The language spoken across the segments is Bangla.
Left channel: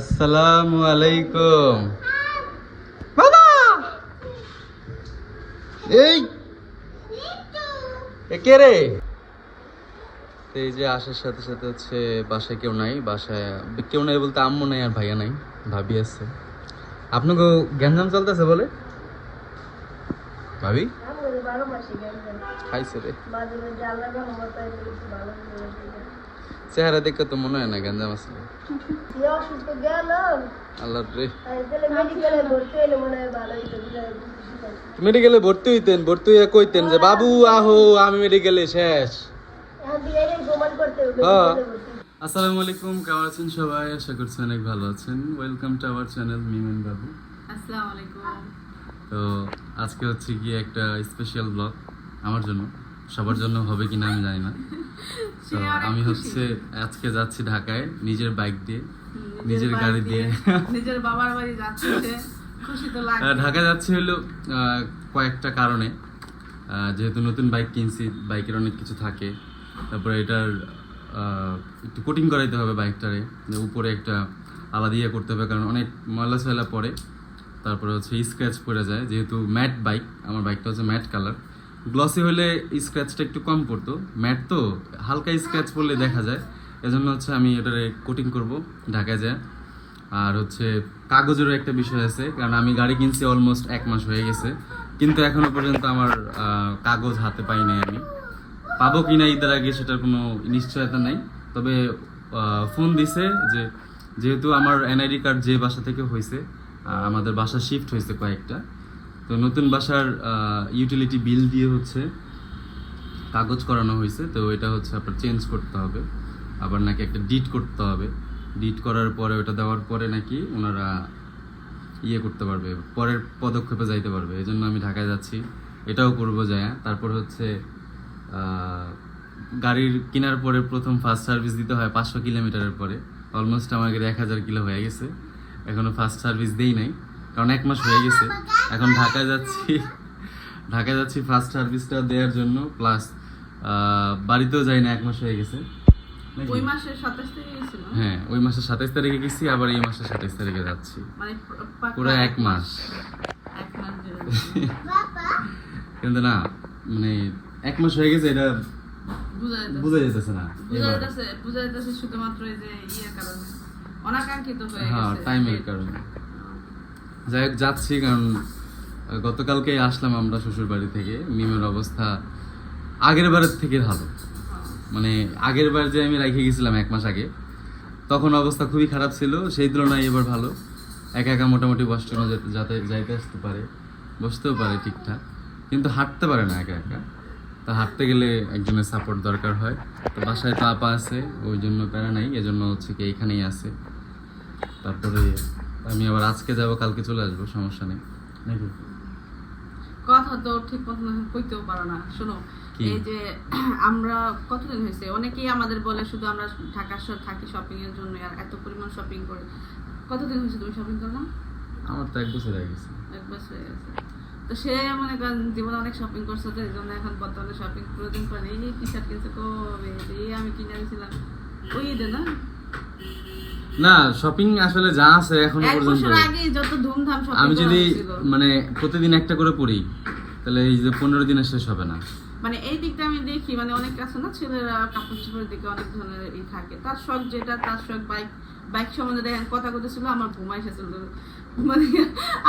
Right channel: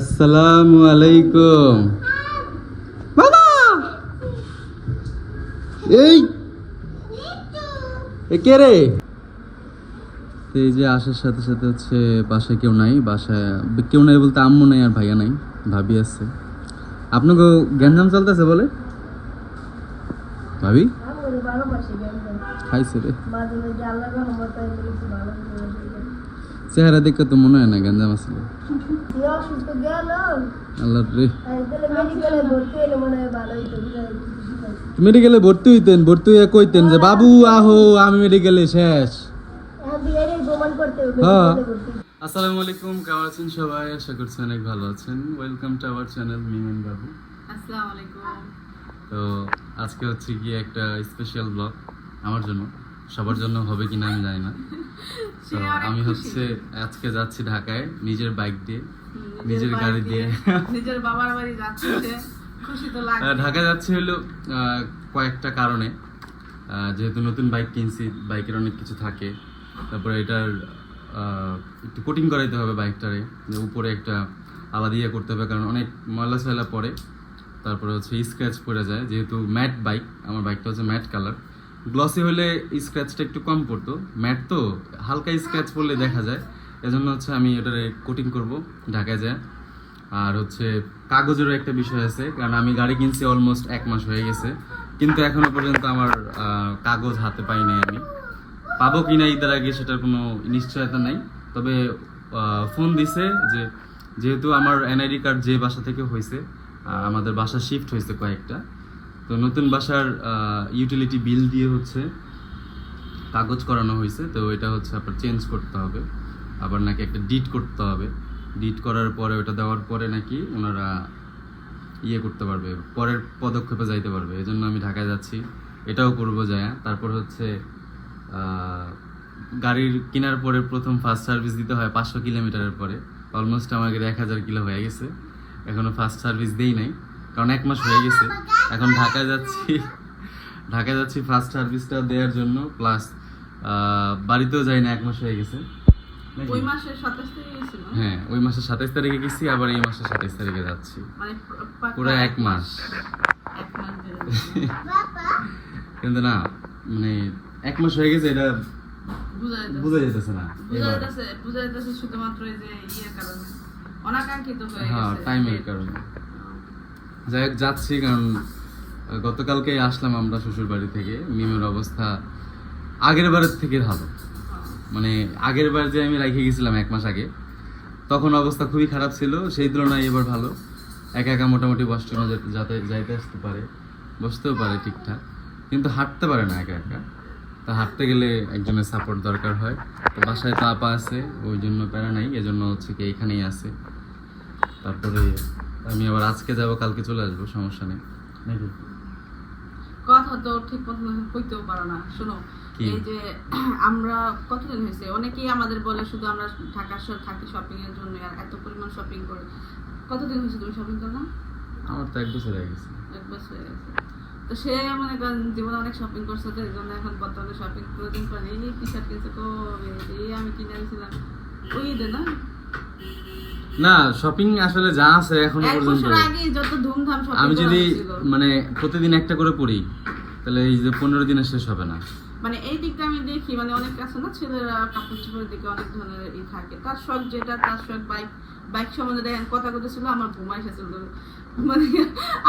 আসসালামু আলাইকুম। বাবা! এই! কে রে? এই যে আসার সাথে সাথে হচ্ছে বাসায় কেউ নাই, বাসায় কেউ নাই বলতে আম্মু নাই আর ভাইয়া নাই, ভাবি আছে। আপনাকে গ্যাঞ্জাম চলতেছে বলে? ভাবি? খাইছে রে। চেহারা দেখে তো মনে হয় না গ্যাঞ্জাম আছে। আল্লাহ রে। মেডিকেলে ভর্তি হইতেন ভর্তি হইয়া কইতেন যে বাবু আহো আমি মেডিকেলে শেষ। হ্যাঁ আসসালামু আলাইকুম কেমন আছেন সবাই? আশা করছি অনেক ভালো আছেন। ওয়েলকাম টু আওয়ার চ্যানেল মিমেন বাবু আসসালামু আলাইকুম। তো আজকে হচ্ছে গিয়ে একটা স্পেশাল ব্লগ আমার জন্য। সবার জন্য হবে কিনা আমি জানি না। তো আমি হচ্ছে আজকে যাচ্ছি ঢাকায় নিজের বাইক দিয়ে নিজের গাড়ি দিয়ে। নিজের বাবার বাড়ি যাচ্ছে ঢাকা যাচ্ছি হলো কয়েকটা কারণে। যেহেতু নতুন বাইক কিনছি বাইকের অনেক কিছু থাকে। তারপরে এটার একটু কোটিং করাইতে হবে বাইকটারে যে উপরে একটা আলাদা ইয়ে করতে হবে কারণ অনেক ময়লা সয়লা পড়ে। তারপরে হচ্ছে স্ক্র্যাচ পড়ে যায় যেহেতু ম্যাট বাইক আমার বাইকটা হচ্ছে ম্যাট কালার গ্লসি হলে স্ক্র্যাচটা একটু কম পড়তো। ম্যাট তো, হালকা স্ক্র্যাচ পড়লে দেখা যায়। এজন্য হচ্ছে আমি এটারে কোটিং করব ঢাকায় যায়। আর হচ্ছে কাগজেরও একটা বিষয় আছে, কারণ আমি গাড়ি কিনছি অলমোস্ট এক মাস হয়ে গেছে। কিন্তু এখনও পর্যন্ত আমার কাগজ হাতে পাই নাই আমি। পাবো কিনা ঈদের আগে সেটার কোনো নিশ্চয়তা নাই। তবে ফোন দিছে যে, যেহেতু আমার এনআইডি কার্ড যে বাসা থেকে হয়েছে আমাদের বাসা শিফট হয়েছে কয়েকটা। তো নতুন বাসার ইউটিলিটি বিল দিয়ে হচ্ছে কাগজ করানো হয়েছে, তো এটা হচ্ছে আপনার চেঞ্জ করতে হবে। আবার নাকি একটা ডিট করতে হবে। ডিট করার পরে ওটা দেওয়ার পরে নাকি ওনারা ইয়ে করতে পারবে, পরের পদক্ষেপে যাইতে পারবে। এই জন্য আমি ঢাকায় যাচ্ছি। এটাও করব যায়। তারপর হচ্ছে গাড়ির কেনার পরে প্রথম ফার্স্ট সার্ভিস দিতে হয় পাঁচশো কিলোমিটারের পরে। অলমোস্ট গাড়ি এক হাজার কিলো হয়ে গেছে। এখনও ফার্স্ট সার্ভিস দেই নাই। কারণ এক মাস হয়ে গেছে। এখন ঢাকায় যাচ্ছি। ঢাকায় যাচ্ছি ফার্স্ট সার্ভিসটা দেওয়ার জন্য। প্লাস বাড়িতেও যাই না এক মাস হয়ে গেছে? ওই মাসের হ্যাঁ ওই মাসের সাতাইশ তারিখে গেছি আবার এই মাসের সাতাইশ তারিখে যাচ্ছি। মানে পুরো এক মাস। কিন্তু না মানে এক মাস হয়ে গেছে এটা বুঝা যেতেছে না বুঝা এবার। যাইতেছে শুধুমাত্র এই যে ইয়ের কারণে। অনাকাঙ্ক্ষিত হয়ে হ্যাঁ। টাইমের কারণে। যাই হোক, যাচ্ছি, কারণ গতকালকেই আসলাম আমরা শ্বশুর বাড়ি থেকে। মিমের অবস্থা আগের বারের থেকে ভালো। মানে আগের বার যে আমি রেখে গেছিলাম এক মাস আগে, তখন অবস্থা খুবই খারাপ ছিল। সেই তুলনায় এবার ভালো। একা একা মোটামুটি ওয়াশরুমে যেতে- যাতে, যাইতে আসতে পারে। বসতেও পারে ঠিকঠাক। কিন্তু হাঁটতে পারে না একা একা। তা হাঁটতে গেলে একজনের সাপোর্ট দরকার হয়। তো বাসায় তো আপা আছে, ওই জন্য প্যারা নাই। এজন্য হচ্ছে কি এখানেই আছে। তারপরে আমি আবার আজকে যাব কালকে চলে আসব সমস্যা নেই। নাকি? কথা তো ঠিক মতো কইতেও পারো না। শোনো এই যে আমরা কতদিন হয়েছে? অনেকেই আমাদের বলে শুধু আমরা ঢাকা শহর থাকি শপিং এর জন্য আর এত পরিমাণ শপিং করি। কতদিন হয়েছে তুমি শপিং করলাম? আমার তো এক বছর হয়ে গেছে। এক বছর হয়ে গেছে। তো সে মনে করেন জীবনে অনেক শপিং করছে তো এই জন্য এখন বর্তমানে শপিং কোনোদিন করে এই টি শার্ট কিনছে তো এই আমি কিনে আনছিলাম ওই ঈদে না? না শপিং আসলে যা আছে এখনও পর্যন্ত আমি যদি মানে প্রতিদিন একটা করে পড়ি তাহলে এই যে পনেরো দিনে শেষ হবে না। মানে এই দিকটা আমি দেখি মানে অনেক কাছে না ছেলেরা কাপড় চোপড়ের দিকে অনেক ধরনের ই থাকে। তার শখ যেটা তার শখ বাইক বাইক সম্বন্ধে দেখেন কথা ছিল আমার ঘুমা এসেছিল মানে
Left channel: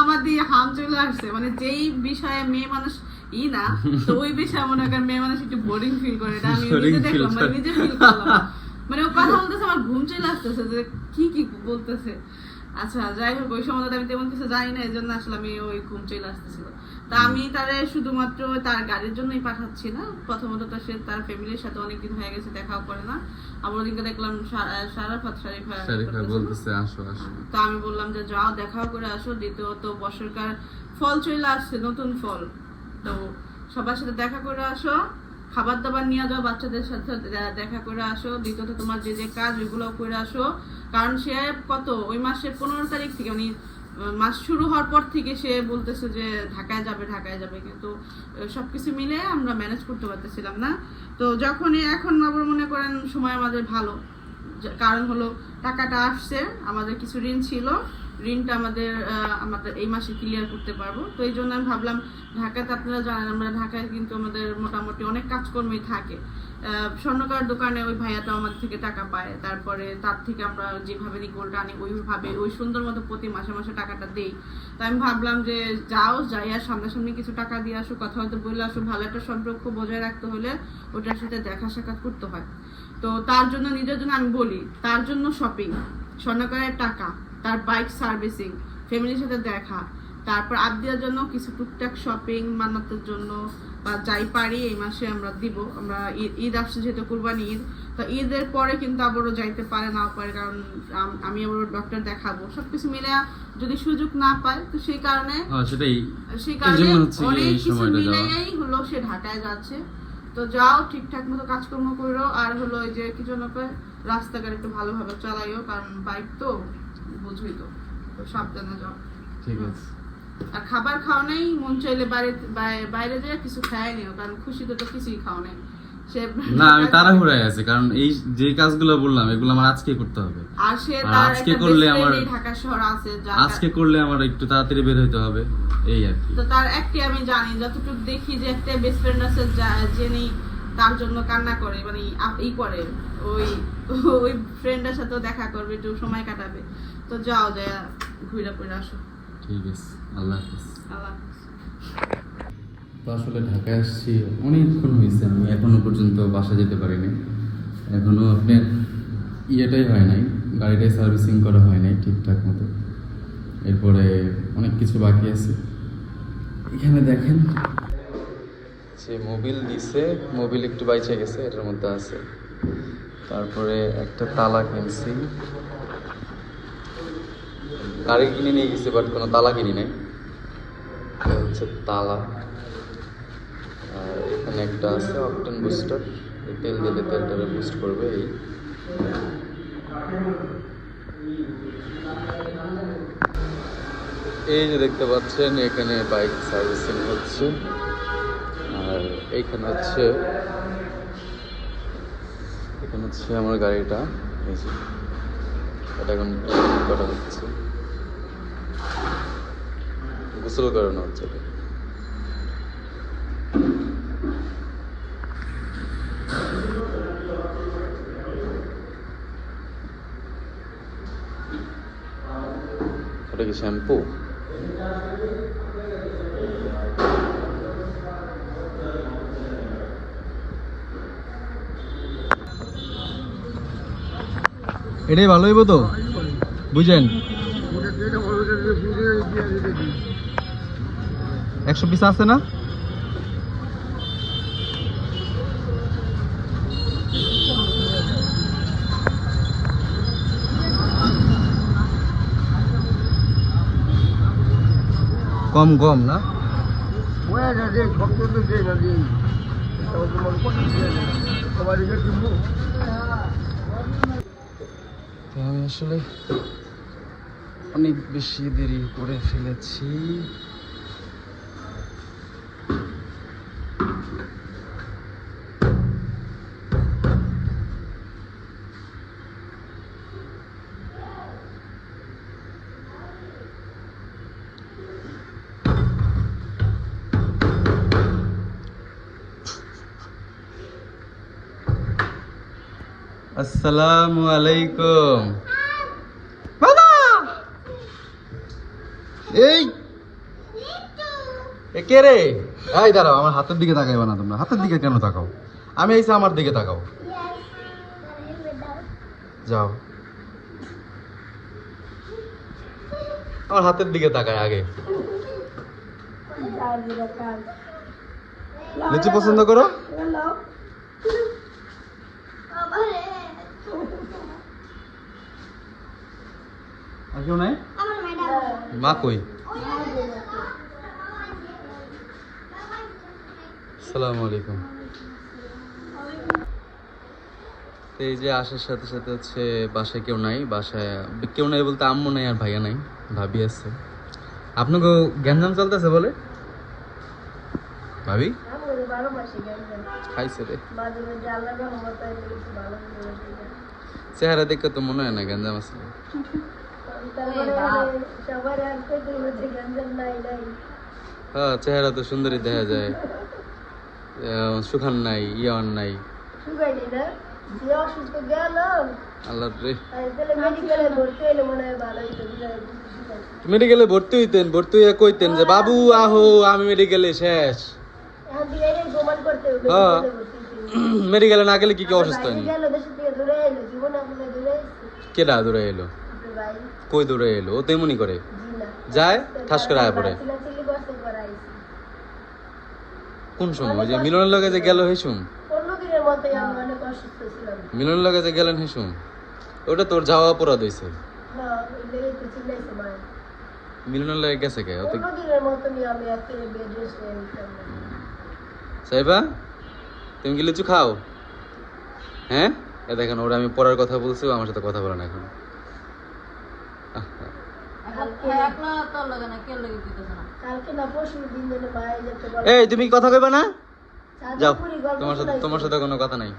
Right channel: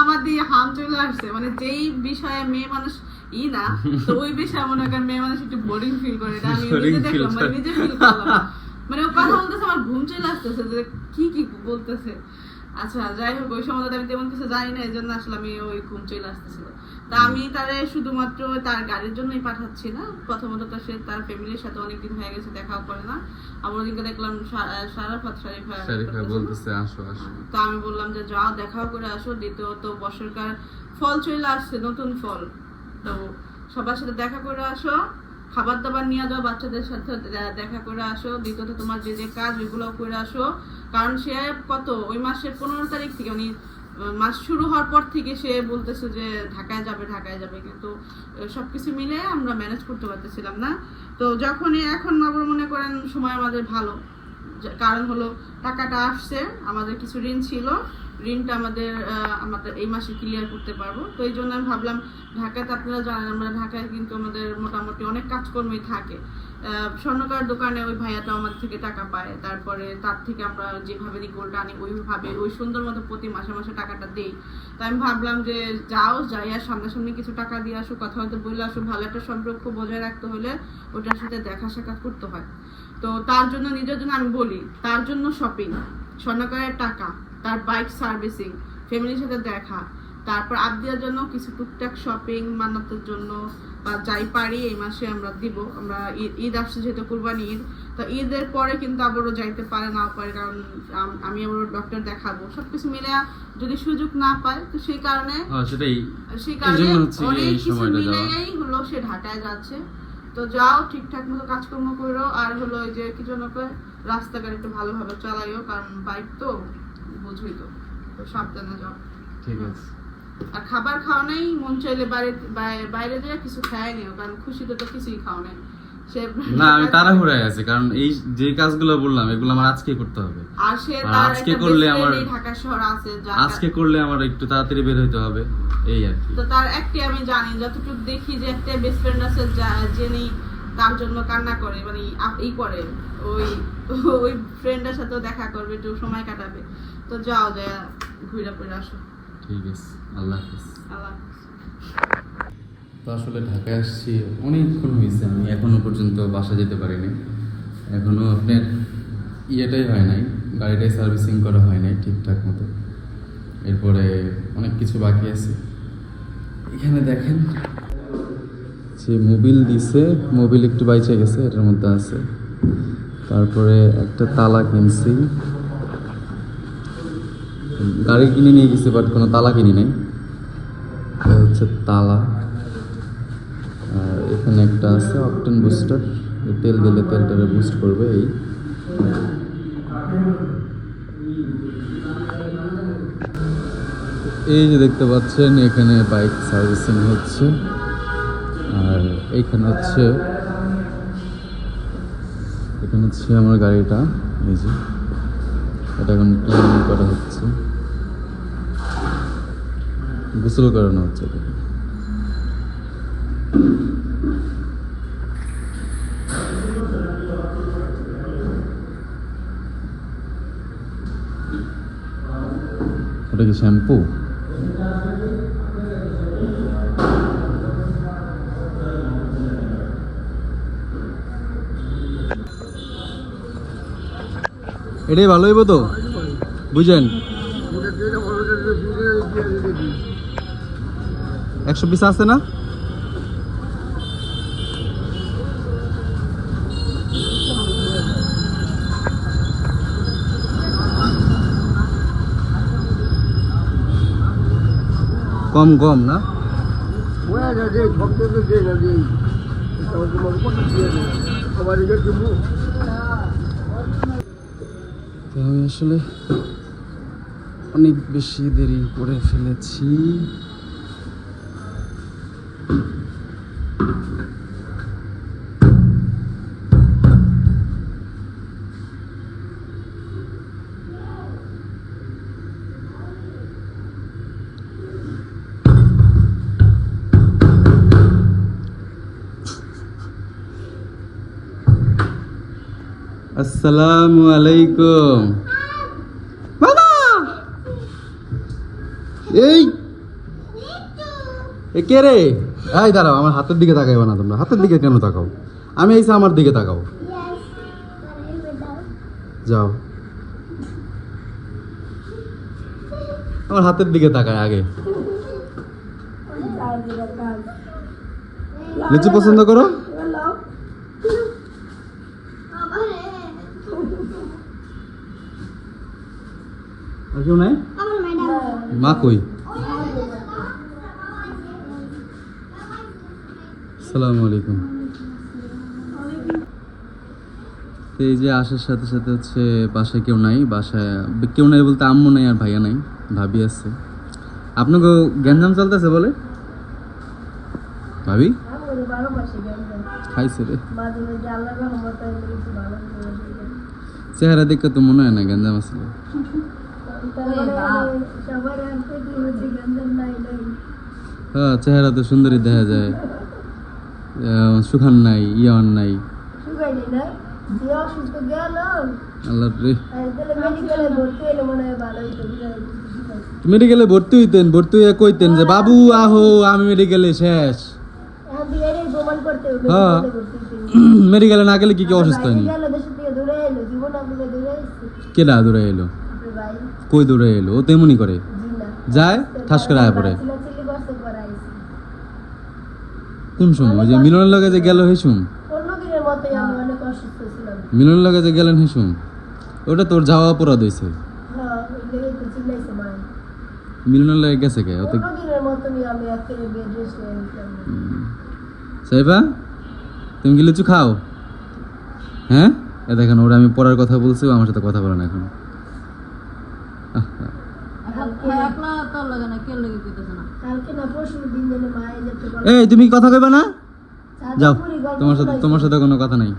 আমার দিয়ে হাম চলে আসছে। মানে যেই বিষয়ে মেয়ে মানুষ ই না তো ওই বিষয়ে মনে করেন মেয়ে মানুষ একটু বোরিং ফিল করে। আমি নিজে দেখলাম মানে নিজে ফিল করলাম। মানে ও কথা বলতেছে আমার ঘুম চলে আসতেছে যে কি কি বলতেছে। আচ্ছা যাই হোক ওই সম্বন্ধে আমি তেমন কিছু জানি না এই জন্য আসলে আমি ওই ঘুম চলে আসতেছিল। তা আমি তারে শুধুমাত্র তার গাড়ির জন্যই পাঠাচ্ছি না প্রথমত তো সে তার ফ্যামিলির সাথে অনেকদিন হয়ে গেছে দেখাও করে না। আমার ওদিকে দেখলাম সা- সারাফাত শরীফা শরীফা বলতেছে আসো আসো। তো আমি বললাম যে যাও দেখাও করে আসো দ্বিতীয়ত বছরকার ফল চলে আসছে নতুন ফল। তো সবার সাথে দেখা করে আসো। খাবার দাবার নিয়ে যাও, বাচ্চাদের সাথে দেখা করে আসো, দ্বিতীয়ত তোমার যে যে কাজ, ওইগুলো করে আসো। কারণ সে কত? ওই মাসের পনেরো তারিখ থেকে মানে মাস শুরু হওয়ার পর থেকে সে বলতেছে যে, ঢাকায় যাবে ঢাকায় যাবে। কিন্তু সবকিছু মিলে আমরা ম্যানেজ করতে পারতেছিলাম না। তো যখনই এখন আবার মনে করেন সময় আমাদের ভালো। কারণ হলো, টাকাটা আসছে, আমাদের কিছু ঋণ ছিল। ঋণটা আমাদের আমাদের এই মাসে ক্লিয়ার করতে পারব। তো এই জন্য আমি ভাবলাম, ঢাকাতে আপনারা জানেন, আমরা ঢাকায় কিন্তু আমাদের মোটামুটি অনেক কাজকর্মই থাকে। স্বর্ণকার দোকানে ওই ভাইয়াটা আমাদের থেকে টাকা পায়। তারপরে তার থেকে আমরা যেভাবে রিপোর্ট আনি, ওইভাবে, ওই সুন্দর মতো প্রতি মাসে মাসে টাকাটা দেই। তো আমি ভাবলাম যে যাও, যাই, আর সামনাসামনি কিছু টাকা দিয়ে আসো কথা হয়তো বলে আসো ভালো একটা সম্পর্ক বজায় রাখতে হলে ওটার সাথে দেখা সাক্ষাৎ করতে হয়। তো তার জন্য নিজের জন্য আমি বলি, তার জন্য শপিং স্বর্ণকারের টাকা তার বাইক সার্ভিসিং ফ্যামিলির সাথে দেখা তারপর আবদিয়ার জন্য কিছু টুকটাক শপিং মান্নাতের জন্য বা যাই পারি এই মাসে আমরা দিব আমরা ঈদ- আসছে যেহেতু কুরবানি ঈদ তো ঈদের পরে কিন্তু আবারও যাইতে পারে না পারে কারণ আমি আবার ডক্টর দেখাবো। সবকিছু মিলে যদি সুযোগ না পায় তো সেই কারণে হ্যাঁ সেই কারণে অনেক কিছু মিলেই হলো সে ঢাকায় যাচ্ছে। তো যাও ঠিকঠাক মতো কাজকর্ম করো আর হলো ওই যে কি জন্য রাস্তাঘাট একটু ভালোভাবে চালাইও কারণ বাইক তো। তো। সাবধানে যাও। ঠিক আছে। আর খাবার খাও নাই মন চাইলে বাইরে বাইরে যেয়ে কিছু খায় নিও কারণ খুশিতে তো কিছুই খাও নাই। না আমি তাড়াহুড়ায় আছি কারণ এই যে কাজগুলো বললাম এগুলো আমার আজকে করতে হবে। আজকে করলে আমার- ঢাকা শহর আছে আজকে করলে আমার একটু তাড়াতাড়ি বের হইতে হবে এই আর তো তার একটাই আমি জানি যতটুকু দেখি যে একটা বেস্ট ফ্রেন্ড আছে যিনি তার জন্য কান্না করে মানে ই করে ওই ওই ফ্রেন্ডের সাথেও দেখা করবে একটু সময় কাটাবে। তো যাও যায় ঘুরে ফিরে আসো। ঠিক আছে আল্লাহ হাফিজ। আল্লাহ তো আসলে ঢাকায় আসছি অনেকক্ষণ হয়েছে আমি এখনও পর্যন্ত বাসা যেতে পারিনি। এখনও আপনার ইয়েটাই হয় নাই গাড়িটাই সার্ভিসিং করা হয় নাই ঠিকঠাক মতো। এরপরে অনেক কিছু বাকি আছে। এখানে দেখেন যে মোবিল দিছে মোবিল একটু বাইচে গেছে এটার মধ্যে আছে। তারপরে একটা তালা কিনছি। গাড়ি কিনে নিয়ে গেছি বাট কোনো তালা কিনি নাই। হচ্ছে তালা। আর এখানে একটা আছে অপটেন বুস্টার। তেল দিলে তেলটারে বুস্ট করবে এই। এই যে দেখতে পাচ্ছেন, এখানে বাইক সার্ভিসিং হচ্ছে। আর এইখানে হচ্ছে, এখানে হচ্ছে আমার গাড়িটা। এই যে, এটা এখন করা হচ্ছে। গোসল করানো হচ্ছে ওটা কি শ্যাম্পু? এটাই ভালো হইব তো? বুঝেন? একশো পিস আছে না? কম কম না? আমি আসলে অনেক বেশি দেরি করে ফেলেছি। আসসালামু আলাইকুম। বাবা! এই! এ কে রে? এই, দাঁড়াও, আমার হাতের দিকে তাকাইও না তোমরা। হাতের দিকে কেন তাকাও? আমি আইসা আমার দিকে তাকাও। যাও। আমার হাতের দিকে তাকায় আগে। লিচু পছন্দ করো? আর কেউ নাই? মা কই? আসসালামু আলাইকুম। এই যে আসার সাথে সাথে হচ্ছে বাসায় কেউ নাই, বাসায় কেউ নাই বলতে আম্মু নাই আর ভাইয়া নাই, ভাবি আছে। আপনাকে গ্যাঞ্জাম চলতেছে বলে? ভাবি? খাইছে রে। চেহারা দেখে তো মনে হয় না গঞ্জাম আছে। হ্যাঁ চেহারা তো দেখা যায়। সুখান নাই ইয়ন নাই। মেডিকেলে ভর্তি হইতেন ভর্তি হইয়া কইতেন যে বাবু আহো আমি মেডিকেলে শেষ। হ্যাঁ। মেডিকেলে না গেলে কি কি অসুস্থ হয়নি কেডা দূরে এলো? কই দূরে এলো? ও তেমনি করে। যায়, ঠাস করে আয় পড়ে। কোন সময়? যে মিলনের লগে যে গেল হেসুম? মিলনের লগে যে গেলেন হেসুম? ওটা তোর যাওয়া হ্যাঁ চিল্লাইছে মায় মিলনের লগে গেছে কে? ওতে সাইবা, তুমি কি লিচু খাও? হ্যাঁ? এ দেখেন, ওরা আমি পড়ার কথা বলছি আমার সাথে কথা বলে না এখন কালকে না পরশু দিন যেন মায়ে যেতে পারব এই তুমি কথা কইবা না? যাও তোমার সাথে তোমার সাথে কোনো কথা নাই।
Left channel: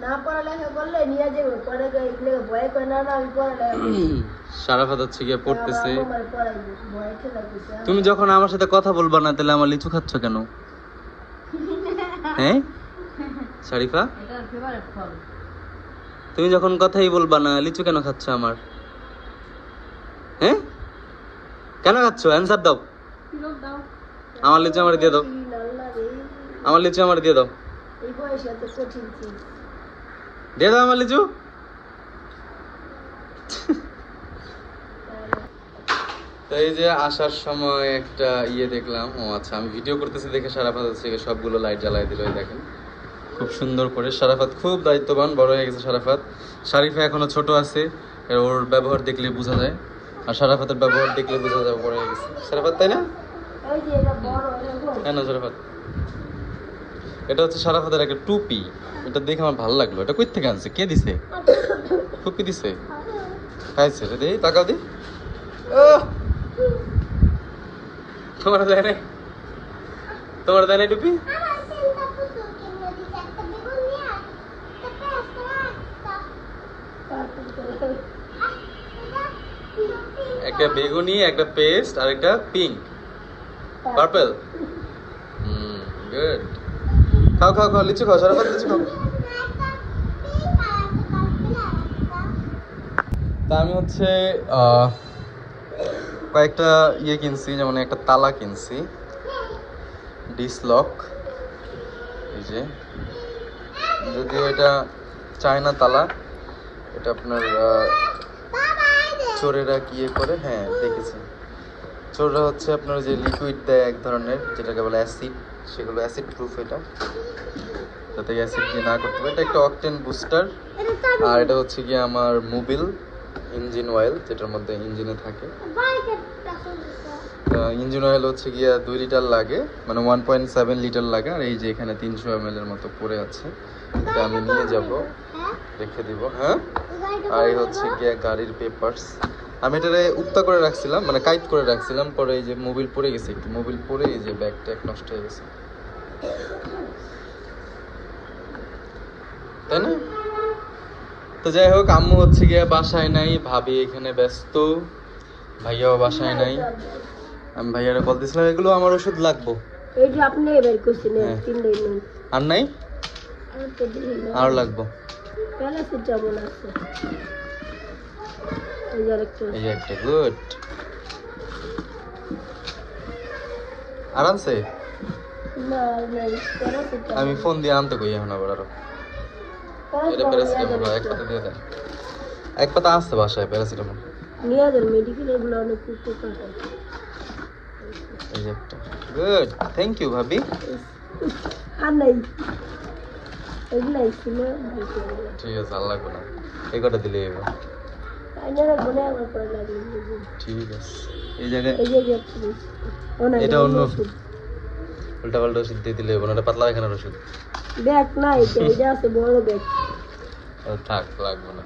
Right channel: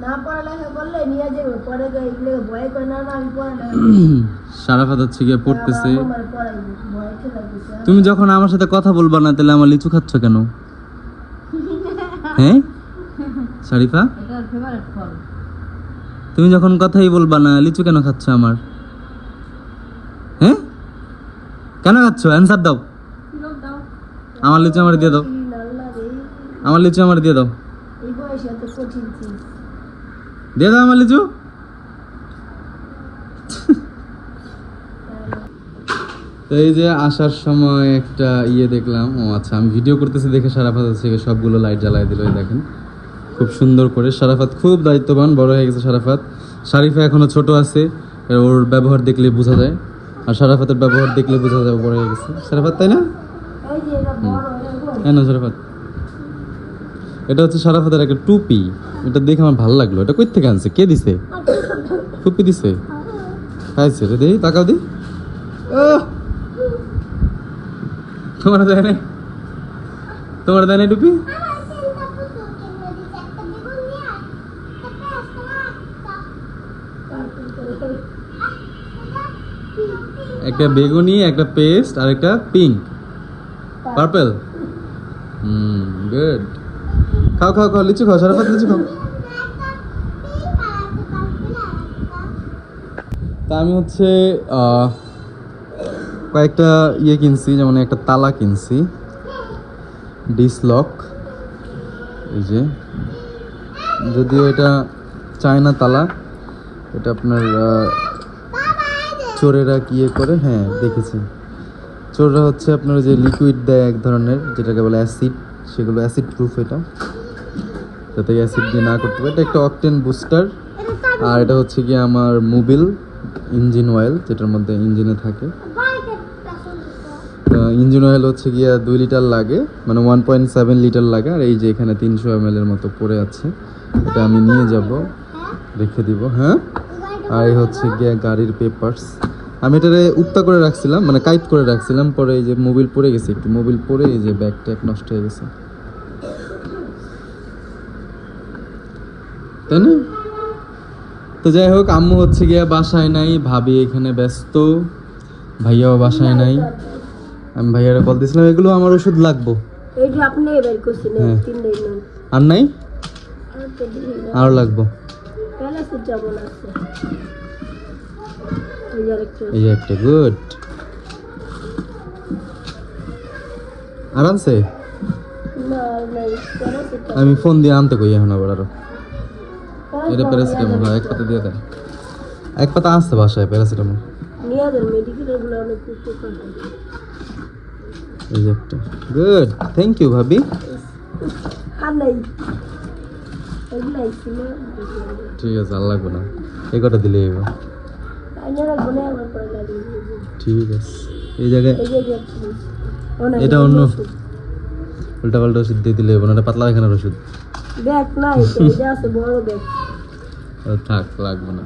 সারাফাত হচ্ছে গিয়ে পড়তেছে। তুমি যখন আমার সাথে কথা বলবা না তাহলে আমার লিচু খাচ্ছ কেন? হ্যাঁ? শারিফা? তুমি যখন কথাই বলবা না লিচু কেন খাচ্ছ আমার হ্যাঁ কেন খাচ্ছ অ্যান্সার দাও। আমার লিচু আমার দিয়ে দাও। আমার লিচু আমার দিয়ে দাও। দিয়ে দাও আমার লিচু। তো এই যে আসার সময় একটা ইয়ে দেখলাম। ও আচ্ছা আমি ভিডিও করতেছি দেখে সারাফাত থেকে সবগুলো লাইট জ্বালাই দিল দেখেন। খুব সুন্দর করে। সারাফাত খুব দায়িত্ববান, বড় হয়ে গেছে সারাফাত। শারিফা এখনও ছোট আছে ওর ব্যবহার দেখলে বোঝা যায়। আর সারাফাতের ব্যবহার দেখলে বোঝা যাবে বড় হয়ে গেছে। সারাফাত, তাই না? হ্যাঁ না, সারাফাত। এটা হচ্ছে সারাফাতের একটা টুপি। এটা দেখে আমার ভালো লাগল। এটা কই থেকে আনছে? কে দিছে? টুপি দিছে? খাইছে রে দেখি তাকাও দি! তোমার দেয় নাই? তোমার দেয় নাই টুপি? একটা বেগুনি, একটা পেস্ট আর একটা পিঙ্ক পার্পল হুম গুড খাও খাও খাও, লিচু খাও সারাফাত লিচু খাও। তা আমি হচ্ছে কয়েকটা ইয়ে কিনছি, যেমন একটা তালা কিনছি। ডিসলক এই যে, যদিও এটা চায়না তালা, এটা আপনার চোরেরা কি করে? হ্যাঁ দেখেছি। চোররা হচ্ছে আপনার যে লিকুইড দেয় এক ধরনের, যেটাকে বলে অ্যাসিড সেগুলো অ্যাসিড প্রুফ এটা। যাতে অ্যাসিড দিয়ে না করতে পারে। এটা একটা অকটেন বুস্টার আর এটা হচ্ছে কি আমার মোবিল ইঞ্জিন অয়েল যেটার মধ্যে ইঞ্জিনে থাকে। ইঞ্জিন অয়েল হচ্ছে গিয়া দুই লিটার লাগে মানে ওয়ান পয়েন্ট সেভেন লিটার লাগে, আর এই যে এখানে তিনশো এম এর মতো পড়ে আছে। এটা আমি নিয়ে যাব, রেখে দিব। হ্যাঁ? আর এই হচ্ছে গিয়া গাড়ির পেপারস আমি এটারে উত্তা করে রাখছিলাম মানে কাইট করে রাখছিলাম পরে এই যে মোবিল পড়ে গেছে একটু। মোবিল পরে এই যে ব্যাগ ট্যাগ নষ্ট হয়ে গেছে। তাই না? তো যাই হোক আম্মু হচ্ছে গিয়া বাসায় নাই ভাবি এখানে ব্যস্ত। ভাইয়াও বাসায় নাই। আমি ভাইয়ারা কল দিয়েছিলাম এগুলো আমার ওষুধ লাগবো। এই যে আপনি বের করছেন হ্যাঁ। আর নাই? আর লাগবো প্যালাসের যেমন আছে ওই আরেকটা এই একটা গুড। আরামসে আমি ফোন দিয়ে আনতে কই এখন আবার আরও? এটা প্যারাসিটামল এক পাতা দিয়ে দেন। এক পাতা আসছে বাসায় প্যারাসিটামল এই একটা। গুড থ্যাংক ইউ ভাবি। ঠিক আছে লাগবে না। এই কটা দিলে এবার ঠিক আছে। এই জায়গায় এটা অন্য। উল্টা পাল্টা ওষুধ দিয়ে দিলে না পাতলা এখানের ওষুধ। থাক লাগবে না।